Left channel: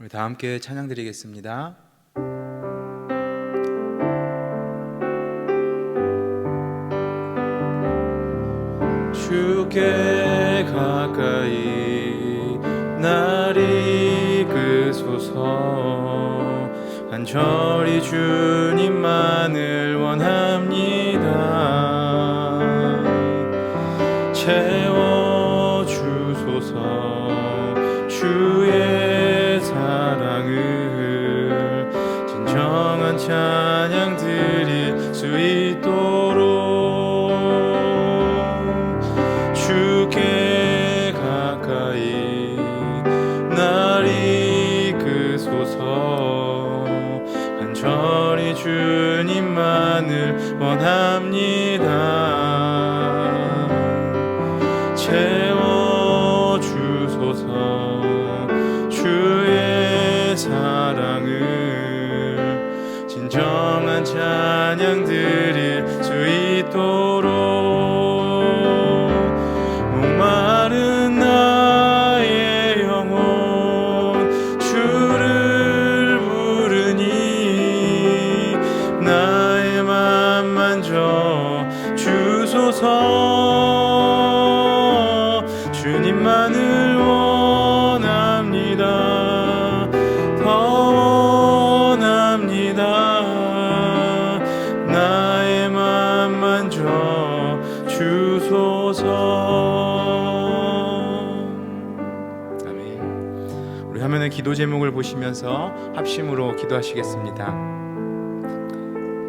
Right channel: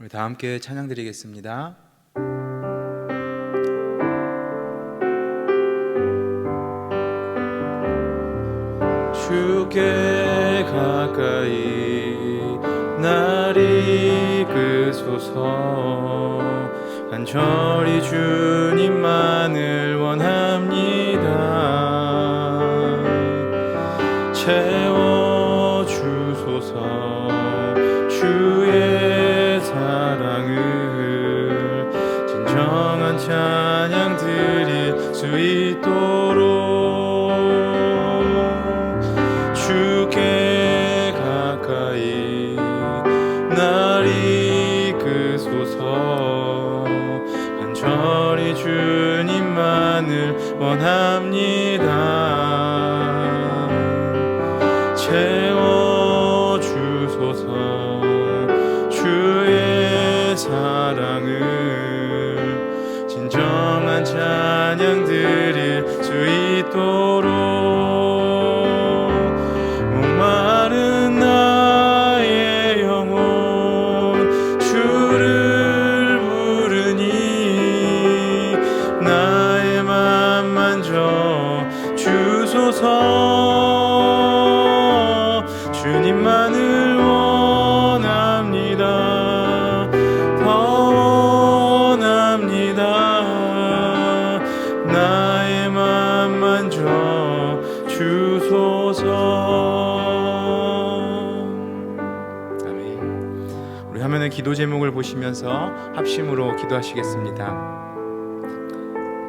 우리 다 함께 찬양 드리겠습니다. 주께 가까이 날 이끄소서. 간절히 주님만을 원합니다. 채워주소서. 주의 사랑을 진정한 찬양 드릴 수 있도록 주께 가까이 날 이끄소서. 간절히 주님만을 원합니다. 채워주소서. 주의 사랑을 진정한 찬양 드릴 수 있도록 목마른 나의 영혼 주를 부르니 나의 맘 만져 주소서. 주님만을 원합니다. 더 원합니다. 나의 맘 만져 주소서. 우리 화면의 기도 제목을 보시면서 합심으로 기도하시겠습니다.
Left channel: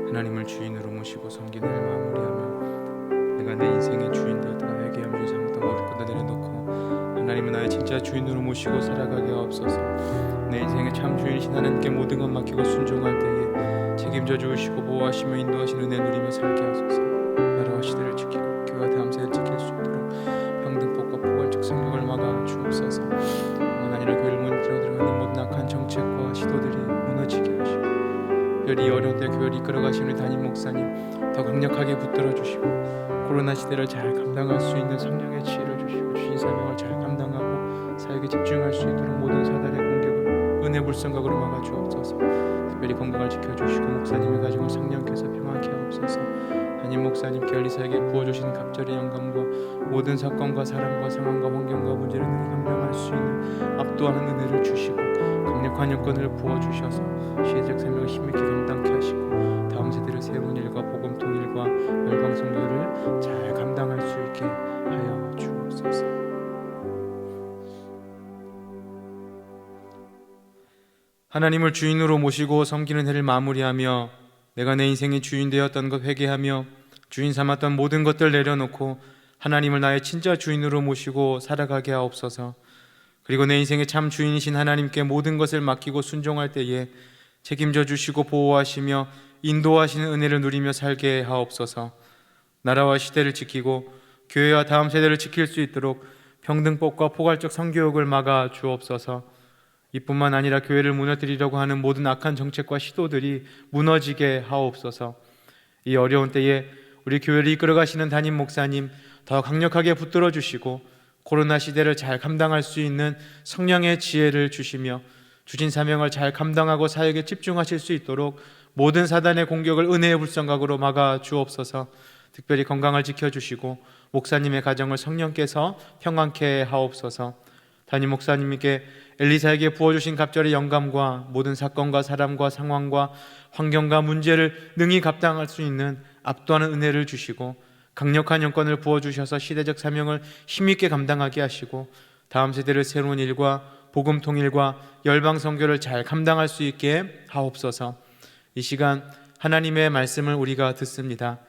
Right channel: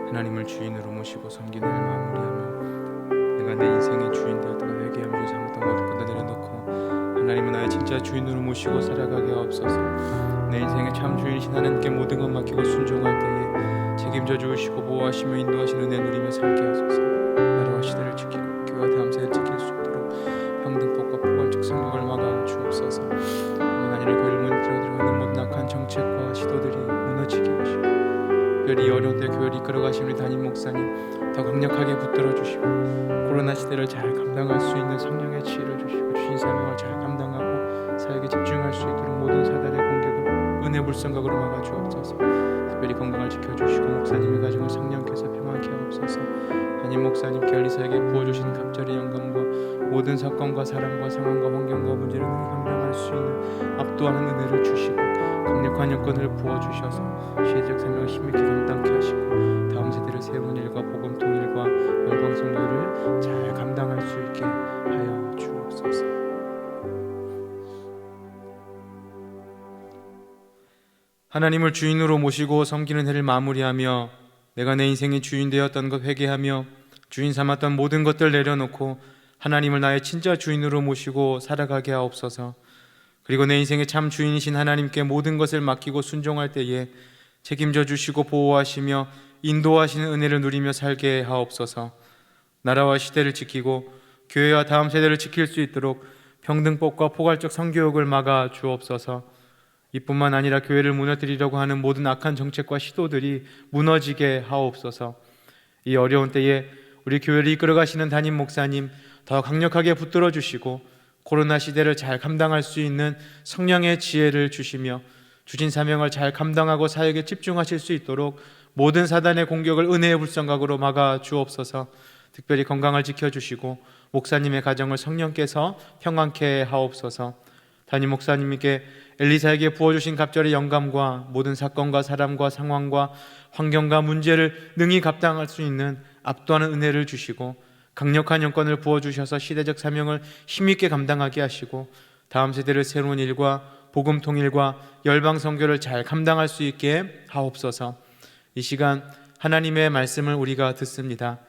하나님을 주인으로 모시고 섬기는 일 마무리하며 내가 내 인생의 주인 되었다가 회개하며 주 삼았던 모든 것을 내려놓고 하나님은 나의 진짜 주인으로 모시고 살아가게 하옵소서. 내 인생의 참 주인이신 하나님께 모든 것 맡기고 순종할 때에 책임져 주시고 보호하시며 인도하시는 은혜 누리며 살게 하소서. 나라와 시대를 지키고 교회와 다음세대를 지킬 수 있도록 평등법과 포괄적 성경을 막아 주옵소서. 뿐만 아니라 교회를 무너뜨려 들어가는 모든 악한 정책과 시도들이 무너지게 하시고 특별히 어려운 때 교회를 이끌어가신 우리 담임 목사님 더 강력하게 붙들어 주시고 코로나 시대를 잘 감당할 수 있는 성령의 지혜를 주시고 주신 사명을 잘 감당하고 사역에 집중할 수 있도록 모든 사단의 공격을 은혜 불성각으로 막아 주옵소서. 특별히 건강을 지켜주시고 목사님의 가정을 성령께서 평안케 하옵소서. 담임 목사님께 알리사에게 부어주신 갑절의 영감과 모든 사건과 사람과 상황과 환경과 문제를 능히 감당할 수 있는 압도하는 은혜를 주시고 강력한 여건을 부어주셔서 시대적 사명을 힘있게 감당케 하시고 다음 세대를 세우는 일과 복음 통일과 열방 선교를 잘 감당할 수 있게 하여 주옵소서. 하나님을 주인으로 모시고 섬기는 해를 마무리하며 내가 내 인생의 주인 되었던 것 회개하며 주인 삼았던 모든 것들 내려놓고 하나님을 나의 진짜 주인으로 모시고 살아가게 하옵소서. 그리고 내 인생의 참 주인이신 하나님께 모든 것을 맡기고 순종할 때에 책임져 주시고 보호하시며 인도하시는 은혜를 누리며 살게 하옵소서. 나라와 시대를 지키고 교회와 다음 세대를 지킬 수 있도록 평등법과 포괄적 성교육을 막아 주옵소서. 이뿐만 아니라 교회를 무너뜨리려고 하는 모든 악한 정책과 시도들이 무너지게 하옵소서. 이 어려운 때에 우리 교회를 이끌어가시는 담임 목사님 더 강력하게 붙들어 주시고 코로나 시대를 잘 감당할 수 있는 성령의 지혜를 주시며 주신 사명을 잘 감당하고 사역에 집중하실 수 있도록 모든 사단의 공격을 은혜의 불성각으로 막아 주옵소서. 특별히 건강을 지켜주시고 목사님의 가정을 성령께서 평안케 하옵소서. 담임 목사님께 엘리사에게 부어주신 갑절의 영감과 모든 사건과 사람과 상황과 환경과 문제를 능히 감당할 수 있는 압도하는 은혜를 주시고 강력한 영권을 부어주셔서 시대적 사명을 힘있게 감당하게 하시고 다음 세대를 새로운 일과 복음 통일과 열방 선교를 잘 감당할 수 있게 하옵소서. 이 시간 하나님의 말씀을 우리가 듣습니다.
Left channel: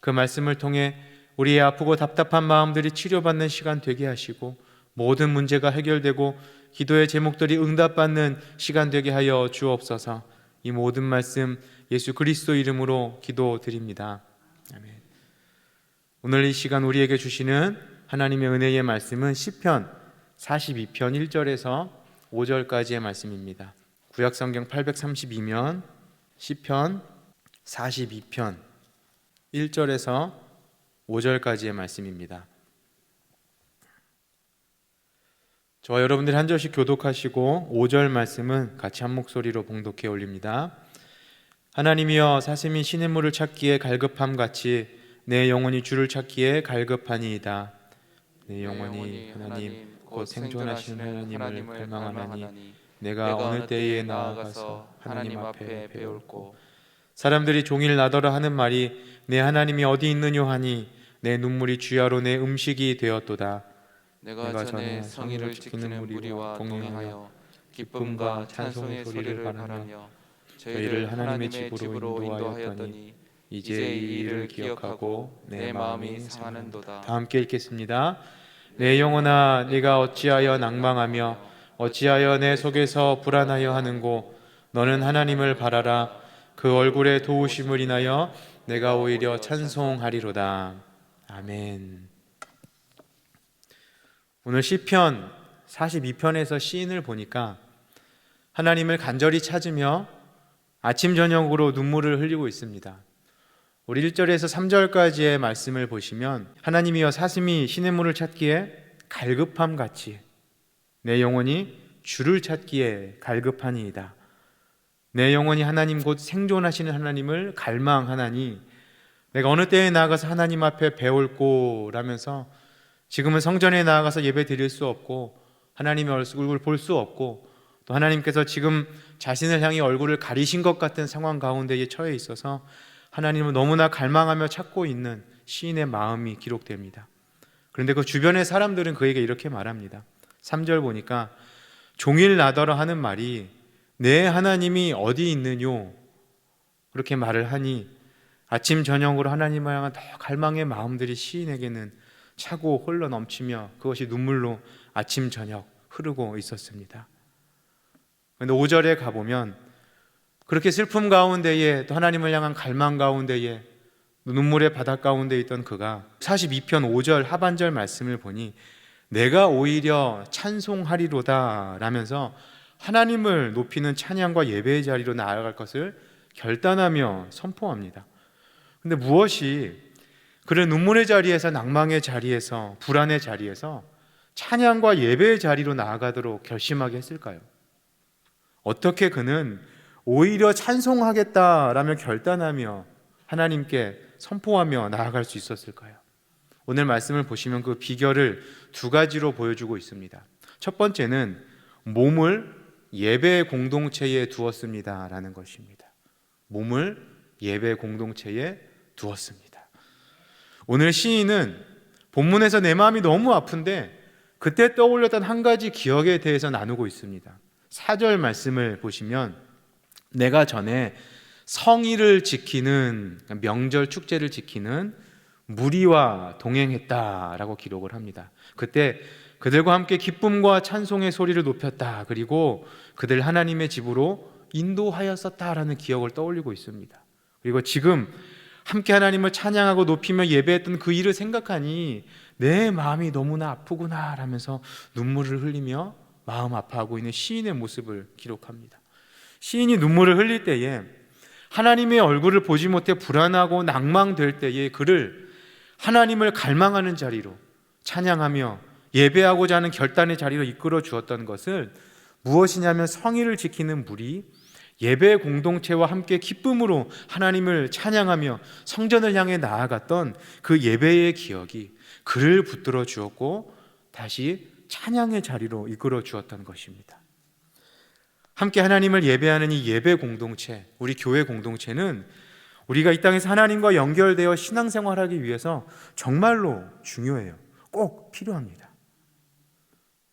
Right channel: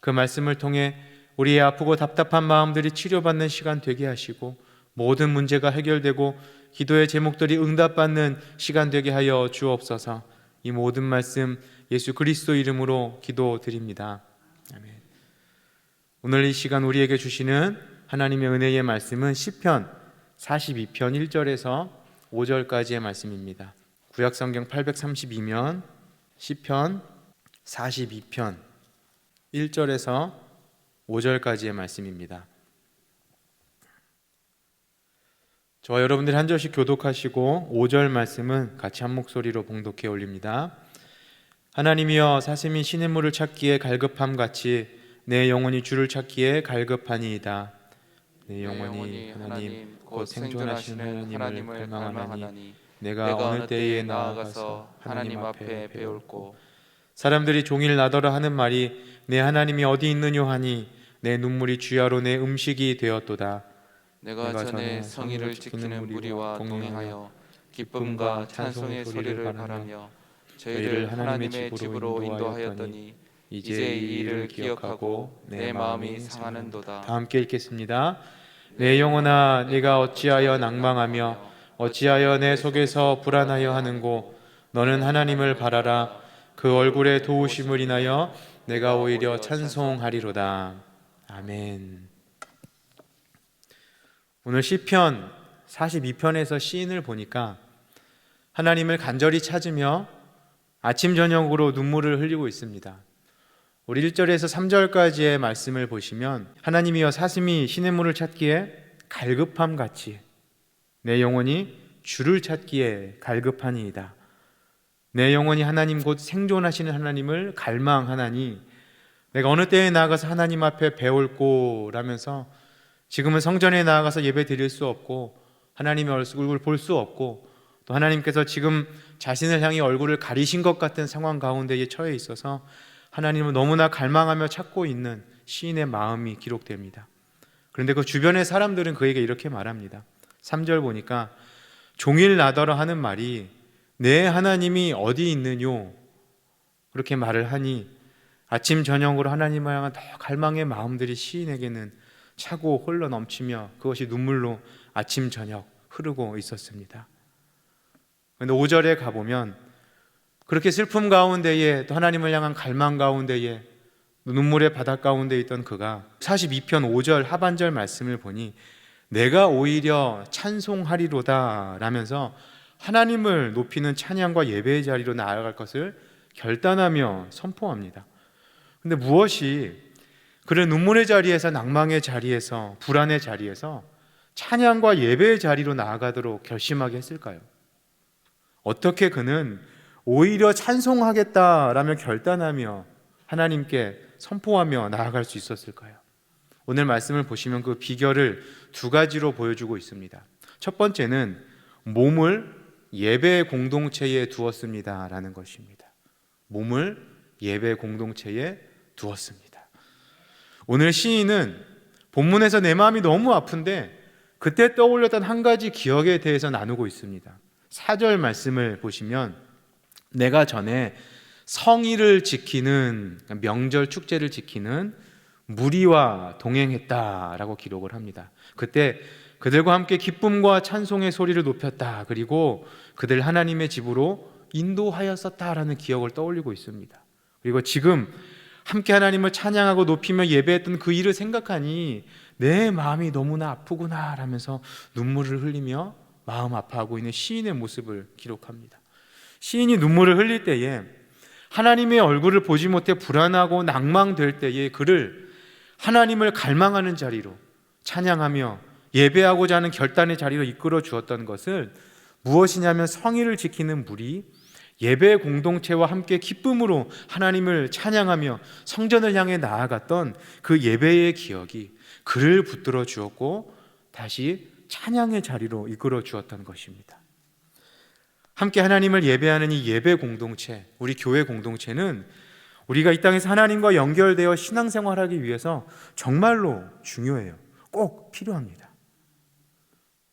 그 말씀을 통해 우리의 아프고 답답한 마음들이 치료받는 시간 되게 하시고 모든 문제가 해결되고 기도의 제목들이 응답받는 시간 되게 하여 주옵소서. 이 모든 말씀 예수 그리스도 이름으로 기도드립니다. 아멘. 오늘 이 시간 우리에게 주시는 하나님의 은혜의 말씀은 시편 42편 1절에서 5절까지의 말씀입니다. 구약성경 832면 시편 42편 1절에서 5절까지의 말씀입니다. 저와 여러분들이 한 절씩 교독하시고 5절 말씀은 같이 한 목소리로 봉독해 올립니다. 하나님이여 사슴이 시냇물을 찾기에 갈급함 같이 내 영혼이 주를 찾기에 갈급하니이다. 내 영혼이 하나님 곧 생존하시는 하나님을 갈망하나니 내가 어느 때에 나아가서 하나님 앞에 배울고. 사람들이 종일 나더러 하는 말이 내 하나님이 어디 있느뇨 하니 내 눈물이 주야로 내 음식이 되었도다. 내가 전에 성의를 지키는 무리와 동행하여 기쁨과 찬송의 소리를 바라며 저희를 하나님의 집으로 인도하였더니 이제 이 일을 기억하고 내 마음이 상하는도다. 다 함께 읽겠습니다. 내 영혼아 네가 어찌하여 낭망하며 어찌하여 내 속에서 불안하여 하는고. 너는 하나님을 바라라. 그 얼굴의 도우심을 인하여 내가 오히려 찬송하리로다. 아멘. 오늘 시편 42편에서 시인을 보니까 하나님을 간절히 찾으며 아침 저녁으로 눈물을 흘리고 있습니다. 우리 1절에서 3절까지의 말씀을 보시면 하나님이여 사슴이 시냇물을 찾기에 갈급함 같이 내 영혼이 주를 찾기에 갈급하니이다. 내 영혼이 하나님 곧 생존하시는 하나님을 갈망하나니 내가 어느 때에 나아가서 하나님 앞에 배울꼬라면서 지금은 성전에 나아가서 예배 드릴 수 없고 하나님의 얼굴을 볼 수 없고 또 하나님께서 지금 자신을 향해 얼굴을 가리신 것 같은 상황 가운데에 처해 있어서 하나님을 너무나 갈망하며 찾고 있는 시인의 마음이 기록됩니다. 그런데 그 주변의 사람들은 그에게 이렇게 말합니다. 3절 보니까 종일 나더러 하는 말이 내 하나님이 어디 있느뇨 그렇게 말을 하니 아침 저녁으로 하나님을 향한 더 갈망의 마음들이 시인에게는 차고 흘러 넘치며 그것이 눈물로 아침 저녁 흐르고 있었습니다. 그런데 5절에 가보면 그렇게 슬픔 가운데에 또 하나님을 향한 갈망 가운데에 눈물의 바닥 가운데 있던 그가 42편 5절 하반절 말씀을 보니 내가 오히려 찬송하리로다 라면서 하나님을 높이는 찬양과 예배의 자리로 나아갈 것을 결단하며 선포합니다. 그런데 무엇이 그런 눈물의 자리에서 낭망의 자리에서 불안의 자리에서 찬양과 예배의 자리로 나아가도록 결심하게 했을까요? 어떻게 그는 오히려 찬송하겠다라며 결단하며 하나님께 선포하며 나아갈 수 있었을까요? 오늘 말씀을 보시면 그 비결을 두 가지로 보여주고 있습니다. 첫 번째는 몸을 예배 공동체에 두었습니다 라는 것입니다. 몸을 예배 공동체에 두었습니다. 오늘 시인은 본문에서 내 마음이 너무 아픈데 그때 떠올렸던 한 가지 기억에 대해서 나누고 있습니다. 4절 말씀을 보시면 내가 전에 성의를 지키는 명절 축제를 지키는 무리와 동행했다라고 기록을 합니다. 그때 그들과 함께 기쁨과 찬송의 소리를 높였다. 그리고 그들 하나님의 집으로 인도하였었다라는 기억을 떠올리고 있습니다. 그리고 지금 함께 하나님을 찬양하고 높이며 예배했던 그 일을 생각하니 내 마음이 너무나 아프구나 라면서 눈물을 흘리며 마음 아파하고 있는 시인의 모습을 기록합니다. 시인이 눈물을 흘릴 때에 하나님의 얼굴을 보지 못해 불안하고 낭망될 때에 그를 하나님을 갈망하는 자리로 찬양하며 예배하고자 하는 결단의 자리로 이끌어 주었던 것을 무엇이냐면 성의를 지키는 무리 예배 공동체와 함께 기쁨으로 하나님을 찬양하며 성전을 향해 나아갔던 그 예배의 기억이 그를 붙들어 주었고 다시 찬양의 자리로 이끌어 주었던 것입니다. 함께 하나님을 예배하는 이 예배 공동체, 우리 교회 공동체는 우리가 이 땅에서 하나님과 연결되어 신앙생활하기 위해서 정말로 중요해요. 꼭 필요합니다.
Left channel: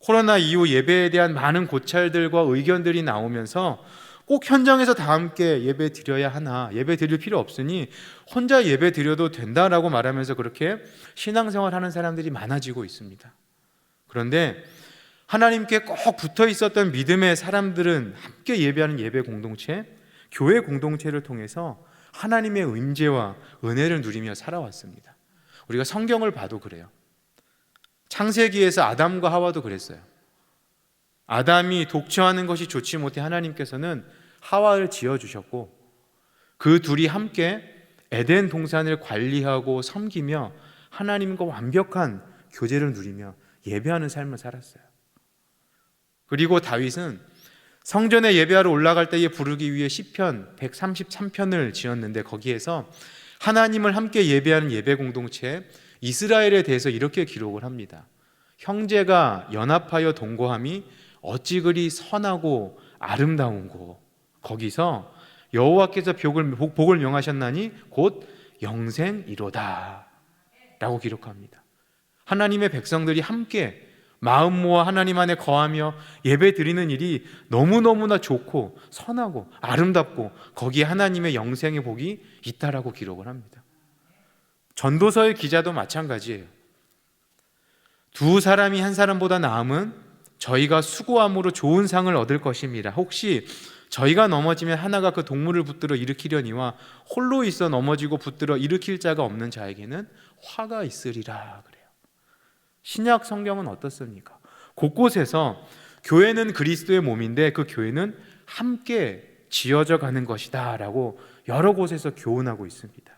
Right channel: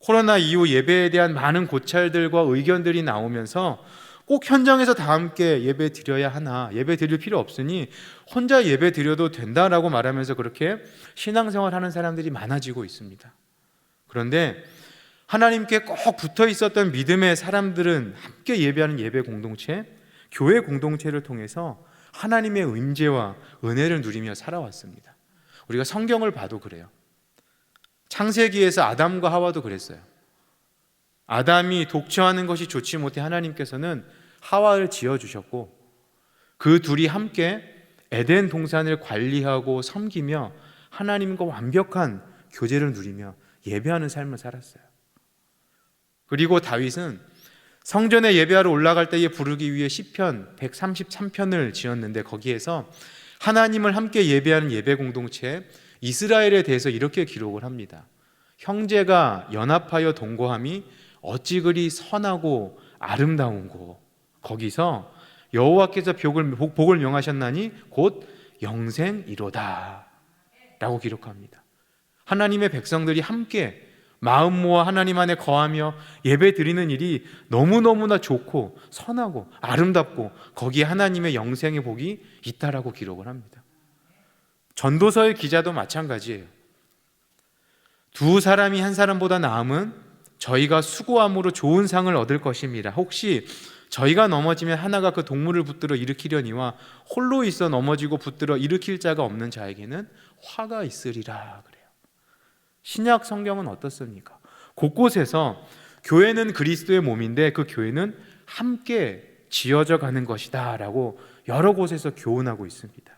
코로나 이후 예배에 대한 많은 고찰들과 의견들이 나오면서 꼭 현장에서 다 함께 예배 드려야 하나, 예배 드릴 필요 없으니 혼자 예배 드려도 된다라고 말하면서 그렇게 신앙생활하는 사람들이 많아지고 있습니다. 그런데 하나님께 꼭 붙어 있었던 믿음의 사람들은 함께 예배하는 예배 공동체, 교회 공동체를 통해서 하나님의 임재와 은혜를 누리며 살아왔습니다. 우리가 성경을 봐도 그래요. 창세기에서 아담과 하와도 그랬어요. 아담이 독처하는 것이 좋지 못해 하나님께서는 하와를 지어주셨고 그 둘이 함께 에덴 동산을 관리하고 섬기며 하나님과 완벽한 교제를 누리며 예배하는 삶을 살았어요. 그리고 다윗은 성전에 예배하러 올라갈 때에 부르기 위해 시편 133편을 지었는데 거기에서 하나님을 함께 예배하는 예배 공동체 이스라엘에 대해서 이렇게 기록을 합니다. 형제가 연합하여 동거함이 어찌 그리 선하고 아름다운고 거기서 여호와께서 복을 명하셨나니 곧 영생이로다 라고 기록합니다. 하나님의 백성들이 함께 마음 모아 하나님 안에 거하며 예배 드리는 일이 너무너무나 좋고 선하고 아름답고 거기에 하나님의 영생의 복이 있다라고 기록을 합니다. 전도서의 기자도 마찬가지예요. 두 사람이 한 사람보다 나음은 저희가 수고함으로 좋은 상을 얻을 것입니다. 혹시 저희가 넘어지면 하나가 그 동물을 붙들어 일으키려니와 홀로 있어 넘어지고 붙들어 일으킬 자가 없는 자에게는 화가 있으리라 그래요. 신약 성경은 어떻습니까? 곳곳에서 교회는 그리스도의 몸인데 그 교회는 함께 지어져 가는 것이다 라고 여러 곳에서 교훈하고 있습니다.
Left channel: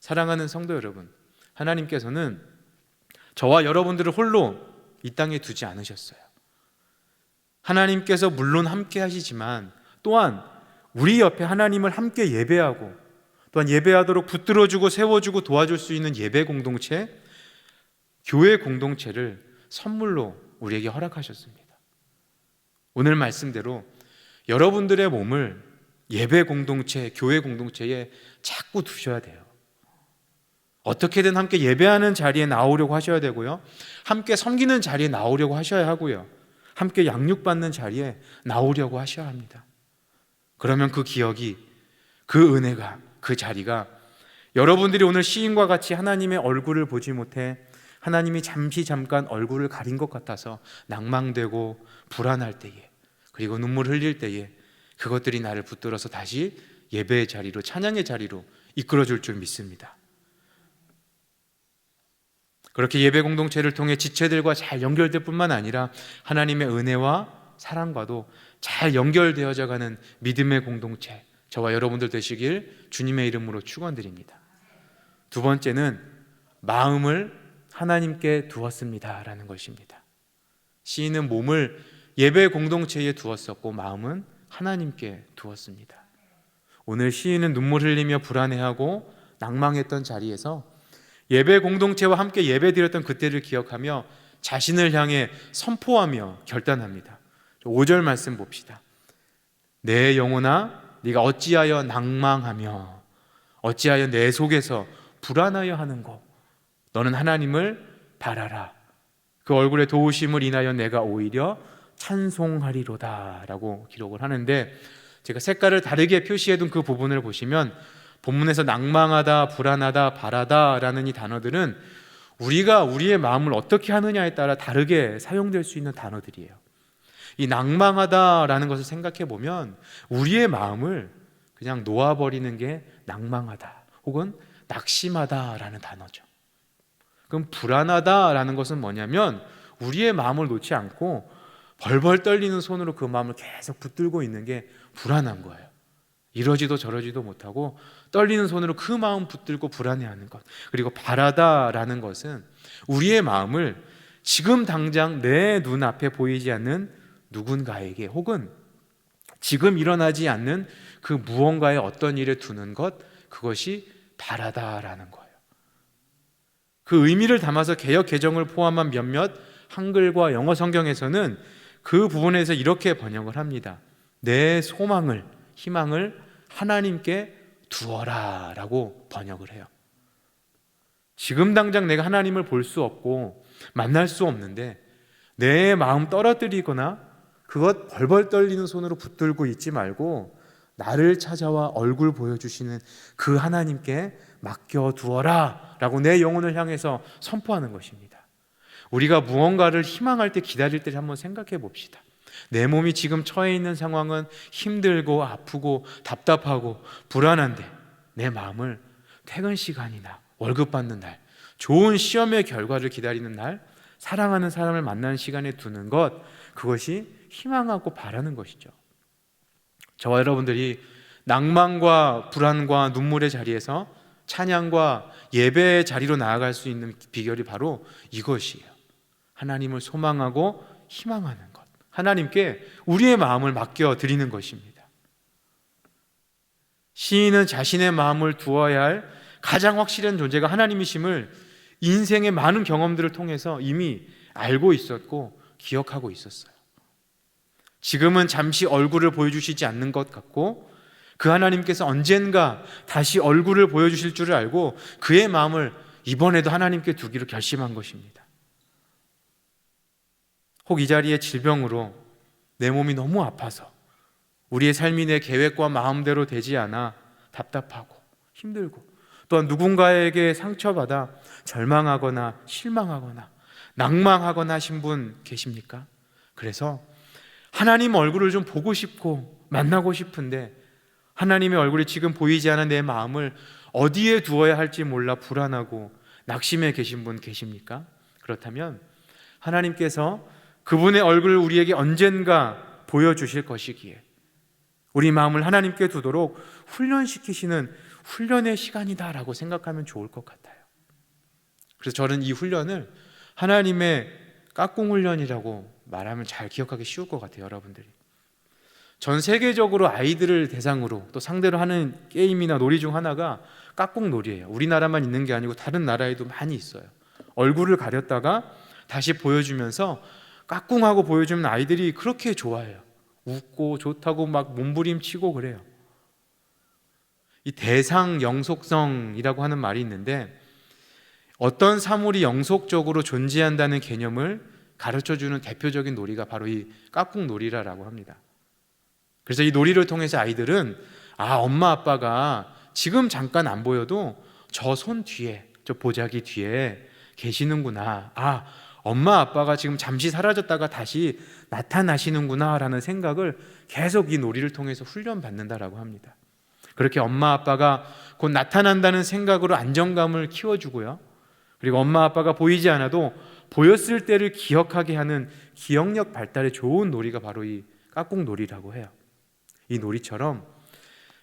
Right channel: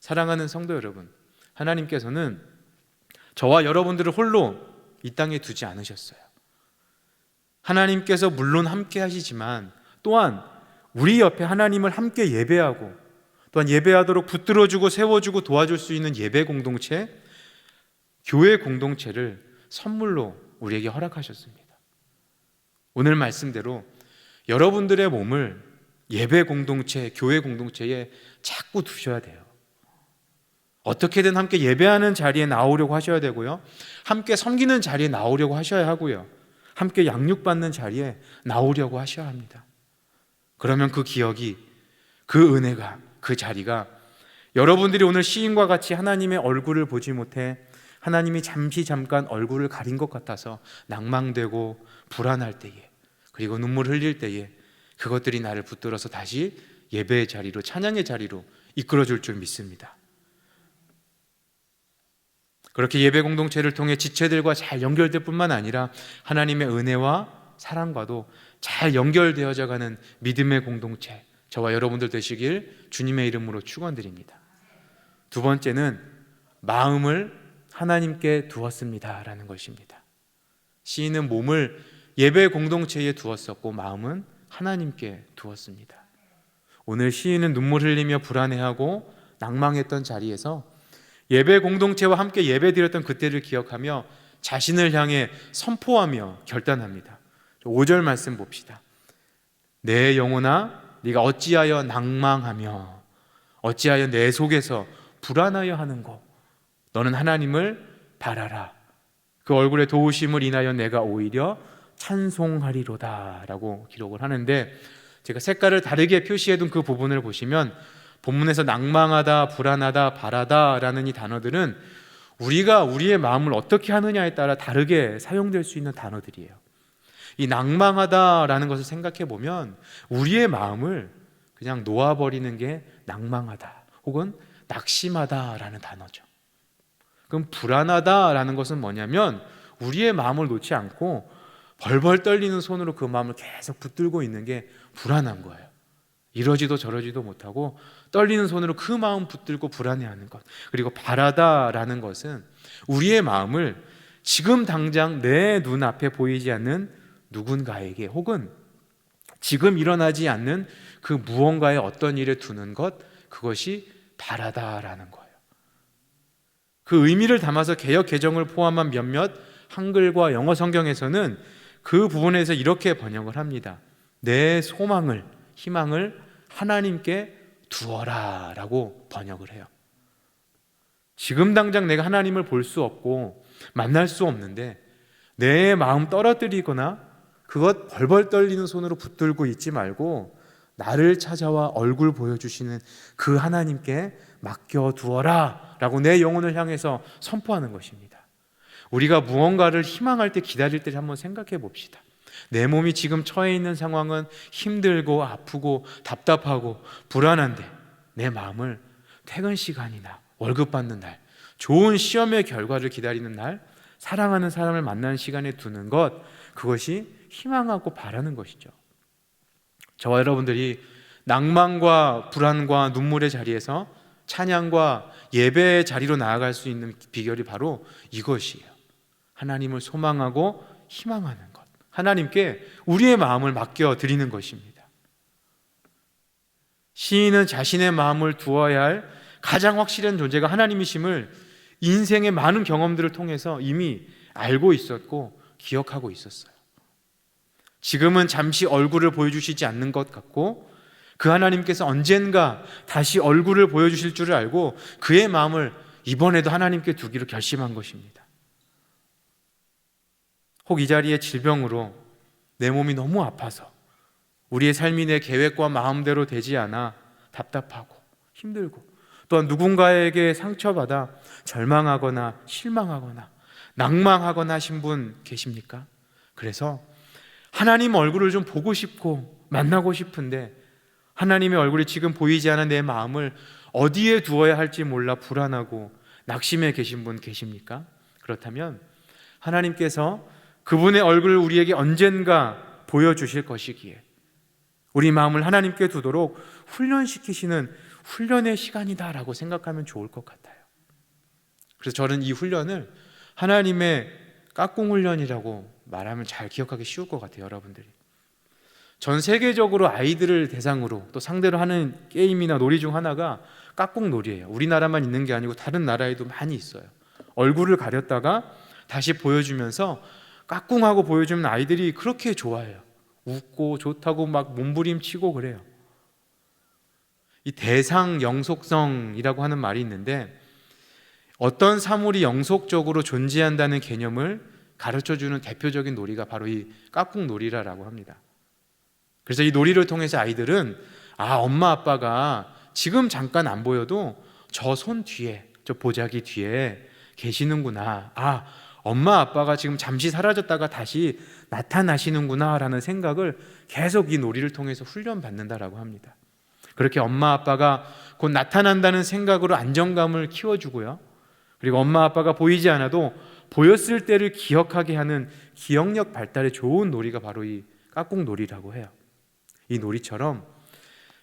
사랑하는 성도 여러분, 하나님께서는 저와 여러분들을 홀로 이 땅에 두지 않으셨어요. 하나님께서 물론 함께 하시지만 또한 우리 옆에 하나님을 함께 예배하고 또한 예배하도록 붙들어주고 세워주고 도와줄 수 있는 예배 공동체, 교회 공동체를 선물로 우리에게 허락하셨습니다. 오늘 말씀대로 여러분들의 몸을 예배 공동체, 교회 공동체에 자꾸 두셔야 돼요. 어떻게든 함께 예배하는 자리에 나오려고 하셔야 되고요. 함께 섬기는 자리에 나오려고 하셔야 하고요. 함께 양육받는 자리에 나오려고 하셔야 합니다. 그러면 그 기억이, 그 은혜가, 그 자리가 여러분들이 오늘 시인과 같이 하나님의 얼굴을 보지 못해 하나님이 잠깐 얼굴을 가린 것 같아서 낭망되고 불안할 때에, 그리고 눈물 흘릴 때에 그것들이 나를 붙들어서 다시 예배의 자리로, 찬양의 자리로 이끌어줄 줄 믿습니다. 그렇게 예배 공동체를 통해 지체들과 잘 연결될 뿐만 아니라 하나님의 은혜와 사랑과도 잘 연결되어져 가는 믿음의 공동체, 저와 여러분들 되시길 주님의 이름으로 축원드립니다. 두 번째는 마음을 하나님께 두었습니다 라는 것입니다. 시인은 몸을 예배 공동체에 두었었고 마음은 하나님께 두었습니다. 오늘 시인은 눈물 흘리며 불안해하고 낭망했던 자리에서 예배 공동체와 함께 예배 드렸던 그때를 기억하며 자신을 향해 선포하며 결단합니다. 5절 말씀 봅시다. 내 영혼아 네가 어찌하여 낭망하며 어찌하여 내 속에서 불안하여 하는고 너는 하나님을 바라라. 그 얼굴의 도우심을 인하여 내가 오히려 찬송하리로다 라고 기록을 하는데, 제가 색깔을 다르게 표시해둔 그 부분을 보시면 본문에서 낭망하다, 불안하다, 바라다 라는 이 단어들은 우리가 우리의 마음을 어떻게 하느냐에 따라 다르게 사용될 수 있는 단어들이에요. 이 낭망하다 라는 것을 생각해 보면 우리의 마음을 그냥 놓아버리는 게 낭망하다 혹은 낙심하다 라는 단어죠. 그럼 불안하다 라는 것은 뭐냐면 우리의 마음을 놓지 않고 벌벌 떨리는 손으로 그 마음을 계속 붙들고 있는 게 불안한 거예요. 이러지도 저러지도 못하고 떨리는 손으로 그 마음 붙들고 불안해하는 것. 그리고 바라다라는 것은 우리의 마음을 지금 당장 내 눈앞에 보이지 않는 누군가에게 혹은 지금 일어나지 않는 그 무언가의 어떤 일에 두는 것, 그것이 바라다라는 거예요. 그 의미를 담아서 개역 개정을 포함한 몇몇 한글과 영어 성경에서는 그 부분에서 이렇게 번역을 합니다. 내 소망을, 희망을 하나님께 두어라 라고 번역을 해요. 지금 당장 내가 하나님을 볼 수 없고 만날 수 없는데 내 마음 떨어뜨리거나 그것 벌벌 떨리는 손으로 붙들고 있지 말고 나를 찾아와 얼굴 보여주시는 그 하나님께 맡겨두어라 라고 내 영혼을 향해서 선포하는 것입니다. 우리가 무언가를 희망할 때, 기다릴 때 한번 생각해 봅시다. 내 몸이 지금 처해 있는 상황은 힘들고 아프고 답답하고 불안한데 내 마음을 퇴근 시간이나 월급 받는 날, 좋은 시험의 결과를 기다리는 날, 사랑하는 사람을 만나는 시간에 두는 것, 그것이 희망하고 바라는 것이죠. 저와 여러분들이 낭만과 불안과 눈물의 자리에서 찬양과 예배의 자리로 나아갈 수 있는 비결이 바로 이것이에요. 하나님을 소망하고 희망하는 것, 하나님께 우리의 마음을 맡겨드리는 것입니다. 시인은 자신의 마음을 두어야 할 가장 확실한 존재가 하나님이심을 인생의 많은 경험들을 통해서 이미 알고 있었고 기억하고 있었어요. 지금은 잠시 얼굴을 보여주시지 않는 것 같고 그 하나님께서 언젠가 다시 얼굴을 보여주실 줄을 알고 그의 마음을 이번에도 하나님께 두기로 결심한 것입니다. 혹 이 자리에 질병으로 내 몸이 너무 아파서 우리의 삶이 내 계획과 마음대로 되지 않아 답답하고 힘들고 또한 누군가에게 상처받아 절망하거나 실망하거나 낭망하거나 하신 분 계십니까? 그래서 하나님 얼굴을 좀 보고 싶고 만나고 싶은데 하나님의 얼굴이 지금 보이지 않은 내 마음을 어디에 두어야 할지 몰라 불안하고 낙심해 계신 분 계십니까? 그렇다면 하나님께서 그분의 얼굴을 우리에게 언젠가 보여주실 것이기에 우리 마음을 하나님께 두도록 훈련시키시는 훈련의 시간이다라고 생각하면 좋을 것 같아요. 그래서 저는 이 훈련을 하나님의 깍꿍 훈련이라고 말하면 잘 기억하기 쉬울 것 같아요. 여러분들이 전 세계적으로 아이들을 대상으로 또 상대로 하는 게임이나 놀이 중 하나가 깍꿍 놀이예요. 우리나라만 있는 게 아니고 다른 나라에도 많이 있어요. 얼굴을 가렸다가 다시 보여주면서 깍꿍하고 보여주면 아이들이 그렇게 좋아해요. 웃고 좋다고 막 몸부림치고 그래요. 이 대상 영속성이라고 하는 말이 있는데 어떤 사물이 영속적으로 존재한다는 개념을 가르쳐주는 대표적인 놀이가 바로 이 깍꿍 놀이라고 합니다. 그래서 이 놀이를 통해서 아이들은 엄마 아빠가 지금 잠깐 안 보여도 저 손 뒤에 저 보자기 뒤에 계시는구나, 엄마 아빠가 지금 잠시 사라졌다가 다시 나타나시는구나 라는 생각을 계속 이 놀이를 통해서 훈련받는다라고 합니다. 그렇게 엄마 아빠가 곧 나타난다는 생각으로 안정감을 키워주고요, 그리고 엄마 아빠가 보이지 않아도 보였을 때를 기억하게 하는 기억력 발달에 좋은 놀이가 바로 이 깍꿍 놀이라고 해요. 이 놀이처럼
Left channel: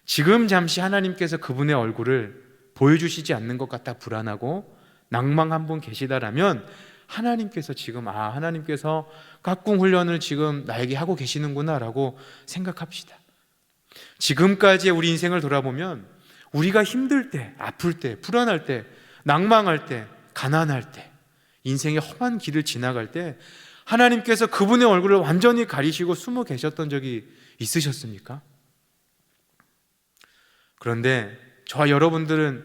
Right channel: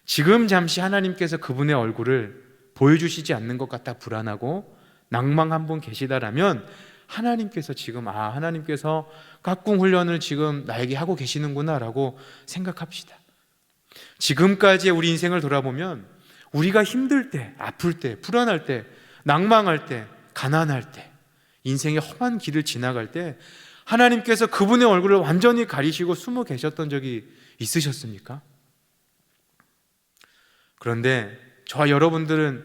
지금 잠시 하나님께서 그분의 얼굴을 보여주시지 않는 것 같아 불안하고 낭망한 분 계시다라면 하나님께서 지금 하나님께서 깍꿍 훈련을 지금 나에게 하고 계시는구나 라고 생각합시다. 지금까지의 우리 인생을 돌아보면 우리가 힘들 때, 아플 때, 불안할 때, 낭망할 때, 가난할 때, 인생의 험한 길을 지나갈 때 하나님께서 그분의 얼굴을 완전히 가리시고 숨어 계셨던 적이 있으셨습니까? 그런데 저와 여러분들은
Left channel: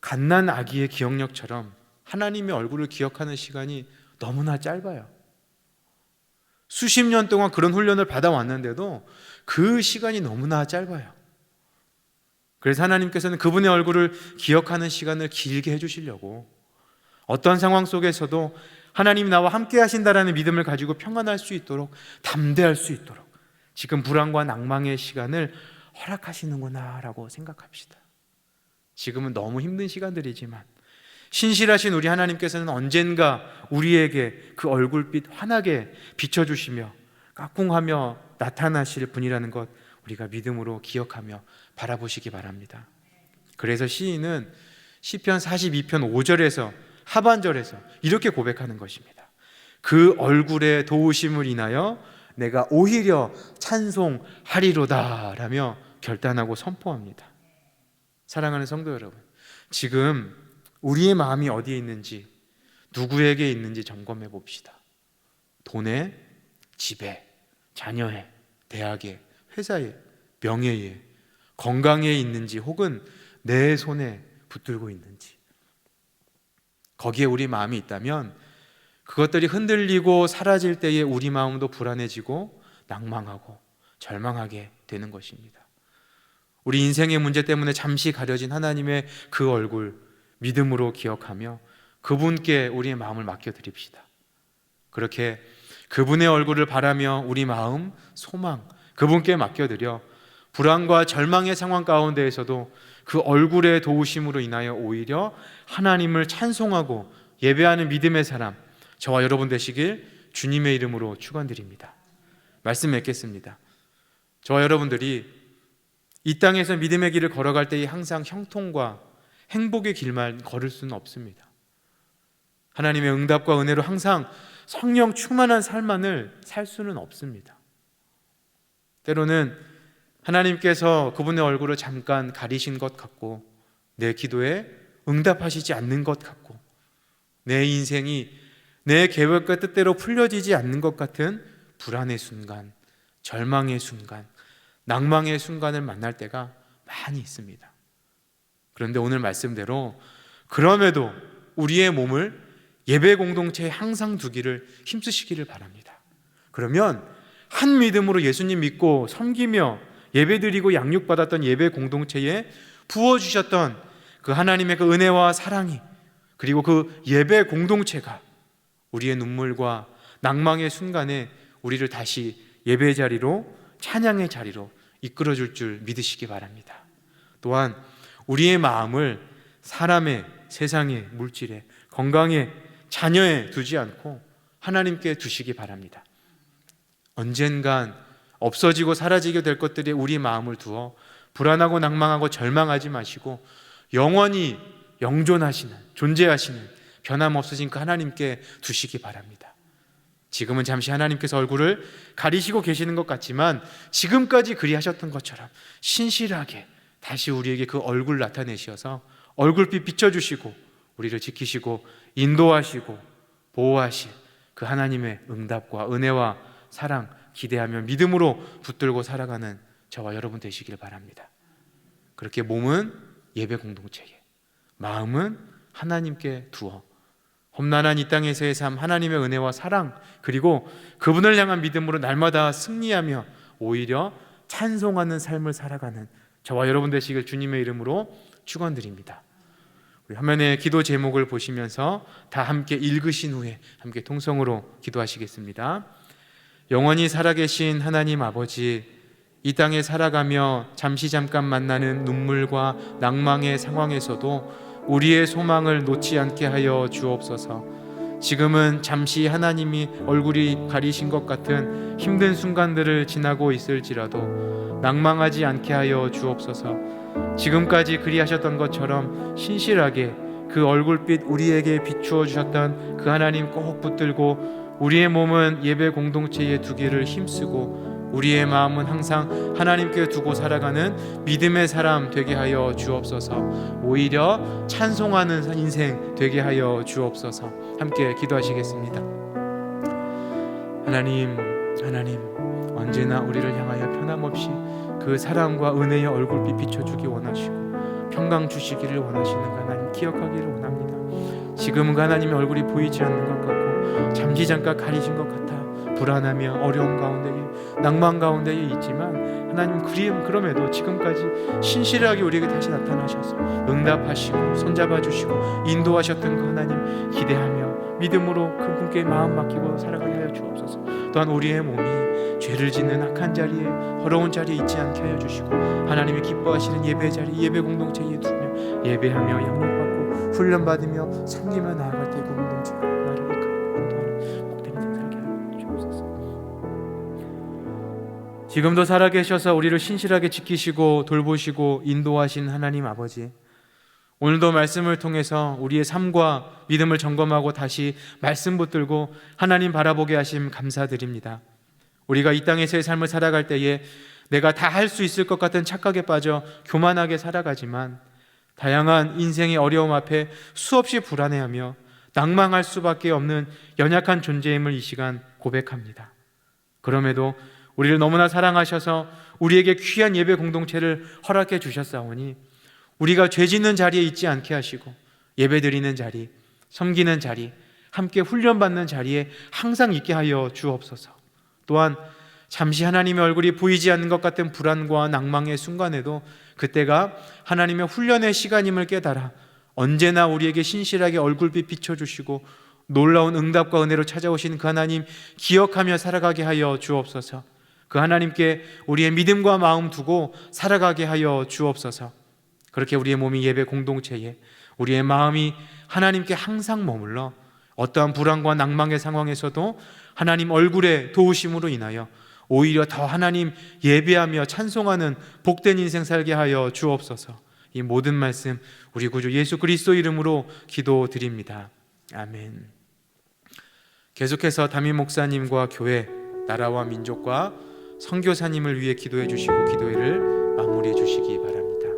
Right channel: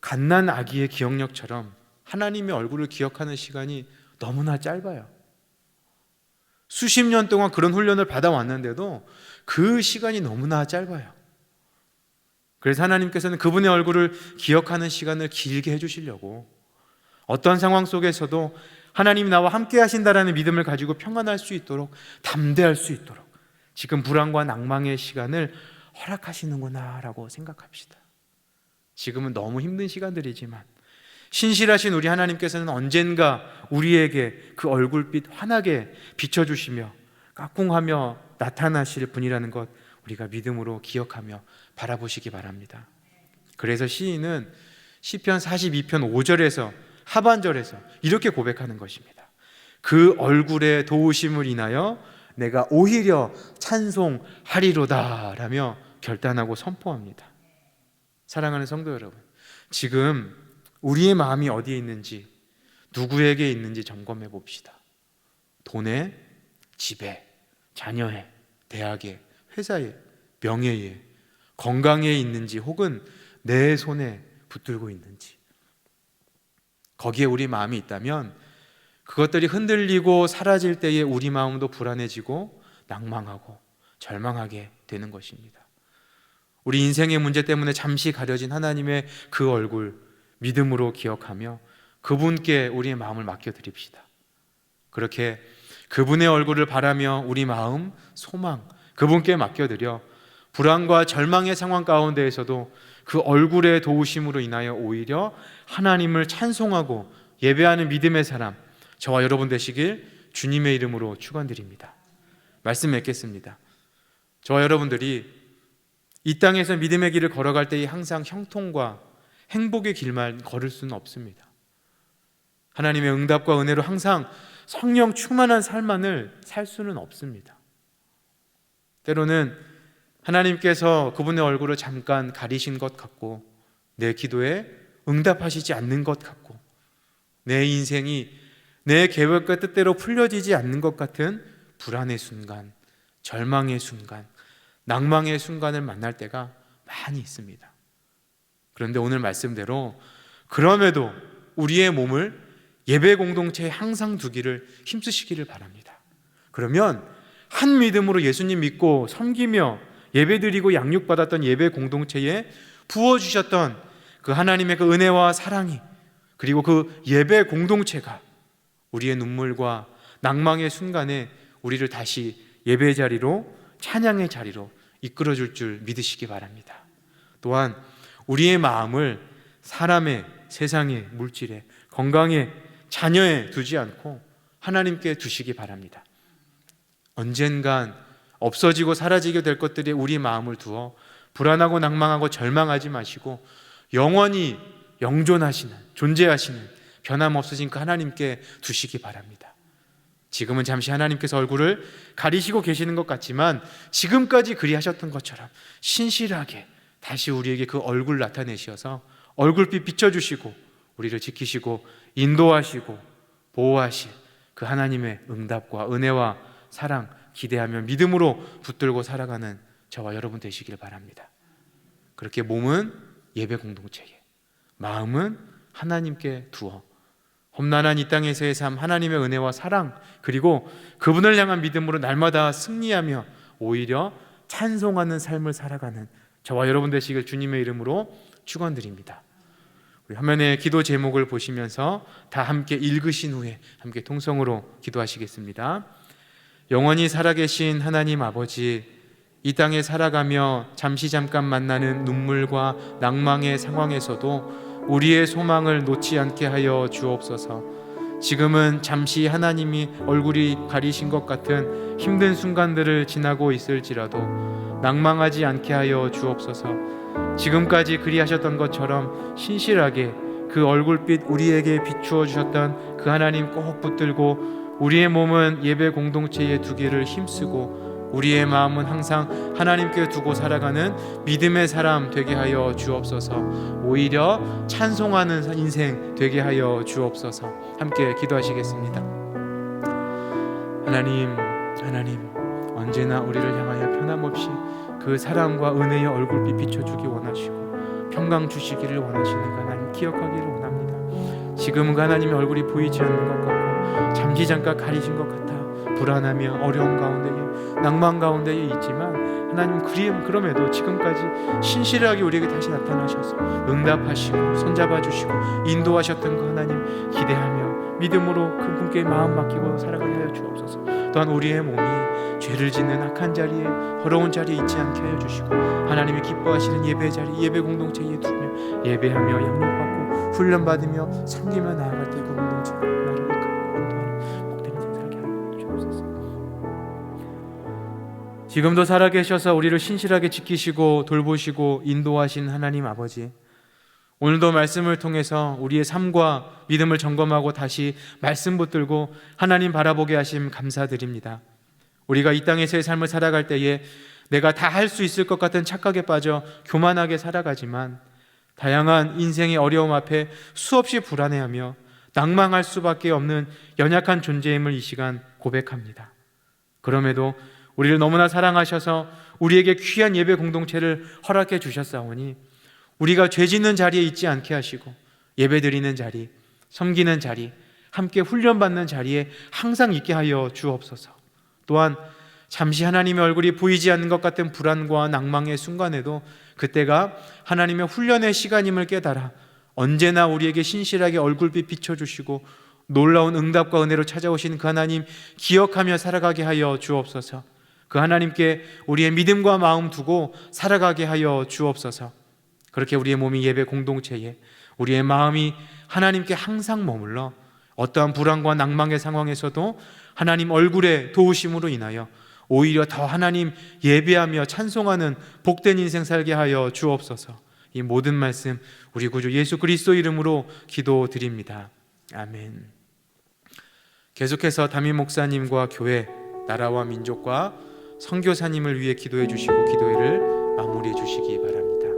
갓난 아기의 기억력처럼 하나님의 얼굴을 기억하는 시간이 너무나 짧아요. 수십 년 동안 그런 훈련을 받아왔는데도 그 시간이 너무나 짧아요. 그래서 하나님께서는 그분의 얼굴을 기억하는 시간을 길게 해주시려고 어떤 상황 속에서도 하나님이 나와 함께 하신다라는 믿음을 가지고 평안할 수 있도록, 담대할 수 있도록 지금 불안과 낭망의 시간을 허락하시는구나 라고 생각합시다. 지금은 너무 힘든 시간들이지만 신실하신 우리 하나님께서는 언젠가 우리에게 그 얼굴빛 환하게 비춰주시며 깍꿍하며 나타나실 분이라는 것 우리가 믿음으로 기억하며 바라보시기 바랍니다. 그래서 시인은 시편 42편 5절에서 하반절에서 이렇게 고백하는 것입니다. 그 얼굴의 도우심을 인하여 내가 오히려 찬송하리로다 라며 결단하고 선포합니다. 사랑하는 성도 여러분, 지금 우리의 마음이 어디에 있는지, 누구에게 있는지 점검해 봅시다. 돈에, 집에, 자녀에, 대학에, 회사에, 명예에, 건강에 있는지 혹은 내 손에 붙들고 있는지, 거기에 우리 마음이 있다면 그것들이 흔들리고 사라질 때에 우리 마음도 불안해지고 낭망하고 절망하게 되는 것입니다. 우리 인생의 문제 때문에 잠시 가려진 하나님의 그 얼굴 믿음으로 기억하며 그분께 우리의 마음을 맡겨드립시다. 그렇게 그분의 얼굴을 바라며 우리 마음, 소망 그분께 맡겨드려 불안과 절망의 상황 가운데에서도 그 얼굴의 도우심으로 인하여 오히려 하나님을 찬송하고 예배하는 믿음의 사람, 저와 여러분 되시길 주님의 이름으로 축원드립니다. 말씀 맺겠습니다. 저와 여러분들이 이 땅에서 믿음의 길을 걸어갈 때에 항상 형통과 행복의 길만 걸을 수는 없습니다. 하나님의 응답과 은혜로 항상 성령 충만한 삶만을 살 수는 없습니다. 때로는 하나님께서 그분의 얼굴을 잠깐 가리신 것 같고, 내 기도에 응답하시지 않는 것 같고, 내 인생이 내 계획과 뜻대로 풀려지지 않는 것 같은 불안의 순간, 절망의 순간, 낭망의 순간을 만날 때가 많이 있습니다. 그런데 오늘 말씀대로 그럼에도 우리의 몸을 예배 공동체에 항상 두기를 힘쓰시기를 바랍니다. 그러면 한 믿음으로 예수님 믿고 섬기며 예배드리고 양육받았던 예배 공동체에 부어주셨던 그 하나님의 그 은혜와 사랑이, 그리고 그 예배 공동체가 우리의 눈물과 낭망의 순간에 우리를 다시 예배 자리로, 찬양의 자리로 이끌어줄 줄 믿으시기 바랍니다. 또한 우리의 마음을 사람의, 세상의, 물질에, 건강에, 자녀에 두지 않고 하나님께 두시기 바랍니다. 언젠간 없어지고 사라지게 될 것들에 우리 마음을 두어 불안하고 낭망하고 절망하지 마시고 영원히 영존하시는, 존재하시는 변함없으신 그 하나님께 두시기 바랍니다. 지금은 잠시 하나님께서 얼굴을 가리시고 계시는 것 같지만 지금까지 그리하셨던 것처럼 신실하게 다시 우리에게 그 얼굴 나타내셔서 얼굴빛 비춰주시고 우리를 지키시고 인도하시고 보호하실 그 하나님의 응답과 은혜와 사랑 기대하며 믿음으로 붙들고 살아가는 저와 여러분 되시길 바랍니다. 그렇게 몸은 예배 공동체에, 마음은 하나님께 두어 험난한 이 땅에서의 삶, 하나님의 은혜와 사랑, 그리고 그분을 향한 믿음으로 날마다 승리하며 오히려 찬송하는 삶을 살아가는 저와 여러분 되시길 주님의 이름으로 축원드립니다. 우리 화면에 기도 제목을 보시면서 다 함께 읽으신 후에 함께 통성으로 기도하시겠습니다. 영원히 살아계신 하나님 아버지, 이 땅에 살아가며 잠깐 만나는 눈물과 낭망의 상황에서도 우리의 소망을 놓지 않게 하여 주옵소서. 지금은 잠시 하나님이 얼굴이 가리신 것 같은 힘든 순간들을 지나고 있을지라도 낭망하지 않게 하여 주옵소서. 지금까지 그리하셨던 것처럼 신실하게 그 얼굴빛 우리에게 비추어 주셨던 그 하나님 꼭 붙들고 우리의 몸은 예배 공동체에 두기를 힘쓰고 우리의 마음은 항상 하나님께 두고 살아가는 믿음의 사람 되게 하여 주옵소서. 오히려 찬송하는 인생 되게 하여 주옵소서. 함께 기도하시겠습니다. 하나님 언제나 우리를 향하여 변함없이 그 사랑과 은혜의 얼굴빛 비춰주기 원하시고 평강 주시기를 원하시는 그 하나님 기억하기를 원합니다. 지금은 그 하나님의 얼굴이 보이지 않는 것 같고 잠깐 가리신 것 같아 불안하며 어려움 가운데에, 낭만 가운데에 있지만 하나님 그럼에도 지금까지 신실하게 우리에게 다시 나타나셔서 응답하시고 손잡아 주시고 인도하셨던 그 하나님 기대하며 믿음으로 그분께 마음 맡기고 살아가게 하여 주옵소서. 또한 우리의 몸이 죄를 짓는 악한 자리에, 더러운 자리에 있지 않게 하여 주시고 하나님이 기뻐하시는 예배 자리, 예배 공동체에 두며 예배하며 양육받고 훈련받으며 섬기며 나아갈 때 그 공동체가 나를 이끌고 인도하는 복된 인생 살게 하여 주옵소서. 지금도 살아계셔서 우리를 신실하게 지키시고 돌보시고 인도하신 하나님 아버지, 오늘도 말씀을 통해서 우리의 삶과 믿음을 점검하고 다시 말씀 붙들고 하나님 바라보게 하심 감사드립니다. 우리가 이 땅에서의 삶을 살아갈 때에 내가 다 할 수 있을 것 같은 착각에 빠져 교만하게 살아가지만 다양한 인생의 어려움 앞에 수없이 불안해하며 낭망할 수밖에 없는 연약한 존재임을 이 시간 고백합니다. 그럼에도 우리를 너무나 사랑하셔서 우리에게 귀한 예배 공동체를 허락해 주셨사오니 우리가 죄 짓는 자리에 있지 않게 하시고 예배 드리는 자리, 섬기는 자리, 함께 훈련받는 자리에 항상 있게 하여 주옵소서. 또한 잠시 하나님의 얼굴이 보이지 않는 것 같은 불안과 낭망의 순간에도 그때가 하나님의 훈련의 시간임을 깨달아 언제나 우리에게 신실하게 얼굴빛 비춰주시고 놀라운 응답과 은혜로 찾아오신 그 하나님 기억하며 살아가게 하여 주옵소서. 그 하나님께 우리의 믿음과 마음 두고 살아가게 하여 주옵소서. 그렇게 우리의 몸이 예배 공동체에, 우리의 마음이 하나님께 항상 머물러 어떠한 불안과 낭망의 상황에서도 하나님 얼굴의 도우심으로 인하여 오히려 더 하나님 예배하며 찬송하는 복된 인생 살게 하여 주옵소서. 이 모든 말씀 우리 구주 예수 그리스도 이름으로 기도드립니다. 아멘. 계속해서 담임 목사님과 교회, 나라와 민족과 선교사님을 위해 기도해 주시고 기도회를 마무리해 주시기 바랍니다.